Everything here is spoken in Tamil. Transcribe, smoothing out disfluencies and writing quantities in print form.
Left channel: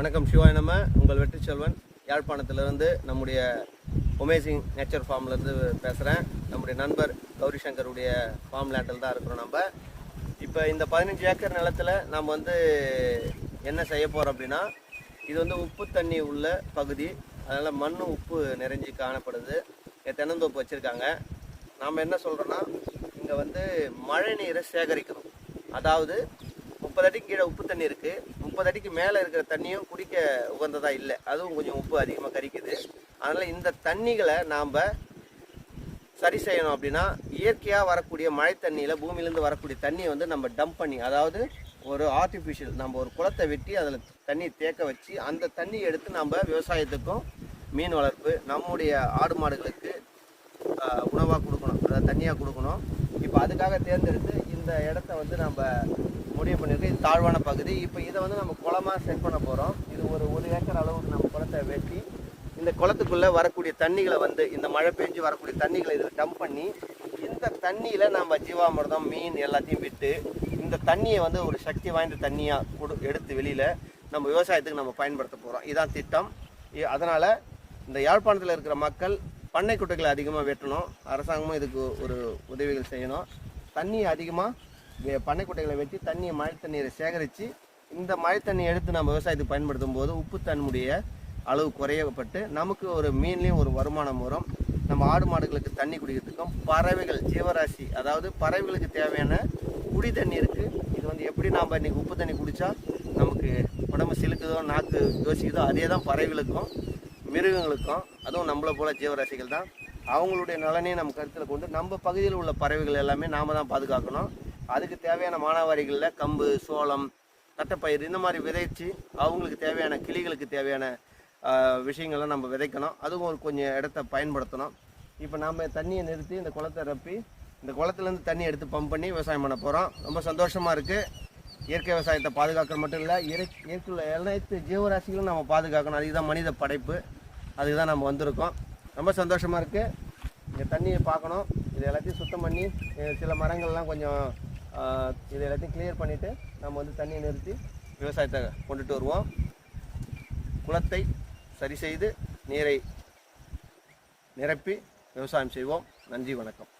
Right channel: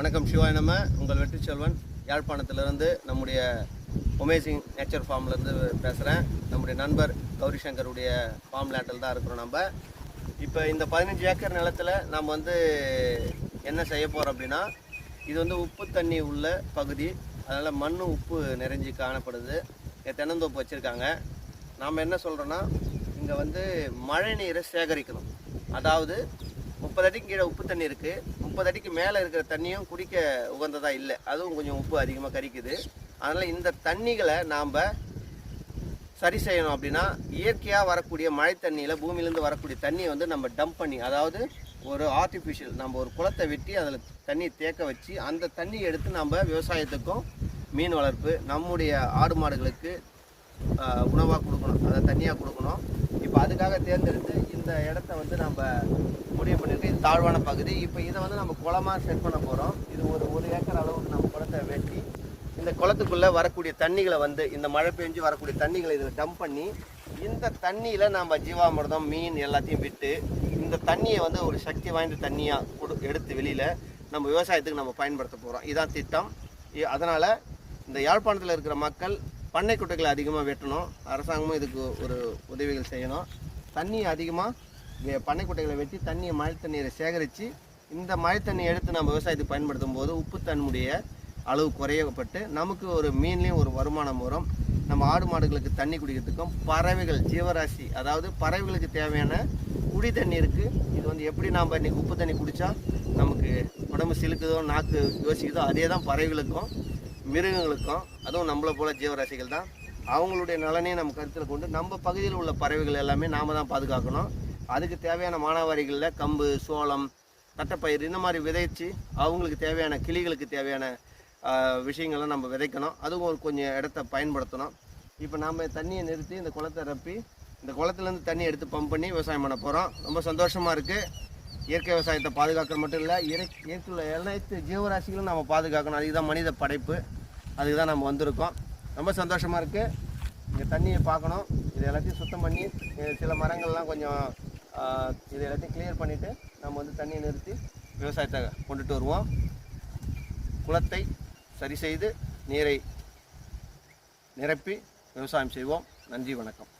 வணக்கம் சிவாய். நம்ம உங்கள் வெற்றி செல்வன் யாழ்ப்பாணத்திலிருந்து நம்முடைய அமேசிங் நேச்சர் ஃபார்ம்லேருந்து பேசுகிறேன். நம்முடைய நண்பர் கௌரி சங்கருடைய ஃபார்ம் லேண்டில் தான் இருக்கிறோம். நம்ம இப்போ இந்த 15 ஏக்கர் நிலத்தில் நம்ம என்ன செய்ய போகிறோம் அப்படின்னா, இது உப்பு தண்ணி உள்ள பகுதி. அதனால் மண் உப்பு நிறைஞ்சி காணப்படுது. தென்னந்தோப்பு வச்சுருக்காங்க. நாம் என்ன சொல்கிறோன்னா, இங்கே மழை நீரை சேகரிக்கணும். அதாவது 30 அடிக்கு கீழே உப்பு தண்ணி இருக்குது. 30 அடிக்கு மேலே இருக்கிற தண்ணியும் குடிக்க உகந்ததாக இல்லை. அதுவும் கொஞ்சம் உப்பு அதிகமாக கரிக்குது. அதனால் இந்த தண்ணிகளை நாம் சரி செய்யணும் அப்படின்னா, இயற்கையாக வரக்கூடிய மழை தண்ணியில் பூமியிலேருந்து வரக்கூடிய தண்ணியை நம்ம டம்ப் பண்ணி, அதாவது ஒரு ஆர்டிஃபிஷியல் நம்ம ஒரு குளத்தை வெட்டி அதில் தண்ணி தேக்க வச்சு அந்த தண்ணியை எடுத்து நம்ம விவசாயத்துக்கும் மீன் வளர்ப்பு நம்முடைய ஆடு மாடுகளுக்கு உணவாக கொடுக்கணும், அதை தண்ணியாக கொடுக்கணும். இப்போ அதுக்காக தேர்ந்தெடுத்து இந்த இடத்த நம்ம முடிவு பண்ணியிருக்கோம். இது தாழ்வான பகுதி. இப்போ இதை நம்ம குளமாக செட் பண்ண போகிறோம். இது ஒரு ஏக்கர் அளவுக்கு நம்ம குளத்தை வெட்டி இந்த குளத்துக்குள்ளே வரக்கூடிய தண்ணிகளை இந்த மழை பெஞ்சு வரக்கூடிய தண்ணிகளை இதில் டம்ப் பண்ணி, இந்த தண்ணியில் நம்ம ஜீவாமிர்தம் மீன் எல்லாத்தையும் விட்டு இந்த தண்ணியை ஒரு சக்தி வாய்ந்த தண்ணியாக எடுத்து வெளியில் நம்ம விவசாயத்துக்கு நம்ம பயன்படுத்த போகிறோம். இதுதான் திட்டம். அதனால் இந்த யாழ்ப்பாணத்தில் இருக்கிற மக்கள் பண்ணை குட்டைகளை அதிகமாக வெட்டணும். அரசாங்கமும் இதுக்கு ஒரு உதவிகள் செய்யணும். தண்ணியை அதிகமாக பண்ணை குட்டைகளை வெட்டி தண்ணியை மழை தண்ணீரை சேகரித்து இந்த மழை தண்ணியை எடுத்து நம்ம விவசாயத்துக்கு பயன்படுத்தும் போது உப்பு தன்னுடைய அளவு குறையப்பட்டு நமக்கு ஒரு மீன்லேயும் ஒரு வருமானம் வரும். நம்ம ஆடு மாடுகளுக்கு தண்ணி குடிக்கிறதுக்கும் பறவைகள் ஜீவராசி, அதாவது பறவைகளுக்கு தேவையான குடி தண்ணீருக்கு இது எப்படி நாம் இன்றைக்கி உப்பு தண்ணி குடித்தா நமக்கு உடம்பு சிலுக்குதோ நாக்கு யோசிக்குதோ, அதே தான் பறவைகளுக்கும் மிருகங்களுக்கும். அதுவும் நம்மளை போல ஜீவராசிகள் தான். அவங்களுடைய நலனையும் நம்ம கருத்தில் கொண்டு நம்ம பகுதியில் உள்ள பறவைகள் எல்லாமே நாம் தான் பாதுகாக்கணும். அதுக்கு தேவையான மானாவாரிகளில் கம்பு, சோளம், தட்டைப்பயிர் இந்த மாதிரி விதைச்சு அவங்களுக்கு தேவையான கிளிகளுக்கு தேவையான விஷயங்கள்லாம் நம்ம விதைக்கணும். அதுவும் கொஞ்சம் இடத்த பயன்படுத்தணும். இப்போ நாம் தண்ணியை நிறுத்தி இந்த குளத்தை ரப்பி இந்த குளத்துலேருந்து தண்ணி எடுத்து பம்ப் பண்ணி விவசாயம் பண்ண போகிறோம். ரொம்ப சந்தோஷமாக இருக்குது. இயற்கை விவசாயத்தை பாதுகாக்கிற மட்டும் இல்லை, இயற்கையுள்ள அனைத்து ஜீவராசிகளும் நம்ம பாதுகாக்கணும். அதுக்கு தான் மனித படைப்பு. அதுக்கு தான் நம்ம வந்திருக்கோம். ரொம்ப சந்தோஷமாக இருக்குது. இங்கே தண்ணியை பார்க்கணும். இது எல்லாத்தையும் சுத்தம் பண்ணி சில மரங்கள்லாம் கொஞ்சம் இது எல்லாத்தையும் கிளியர் பண்ணிவிட்டு நம்ம தண்ணியை நிறுத்தி விவசாயத்தை கொண்டுட்டு வருவோம். குளத்தை சரி செய்து நீரை நிரப்பி விவசாயம் செய்வோம். நன்றி, வணக்கம்.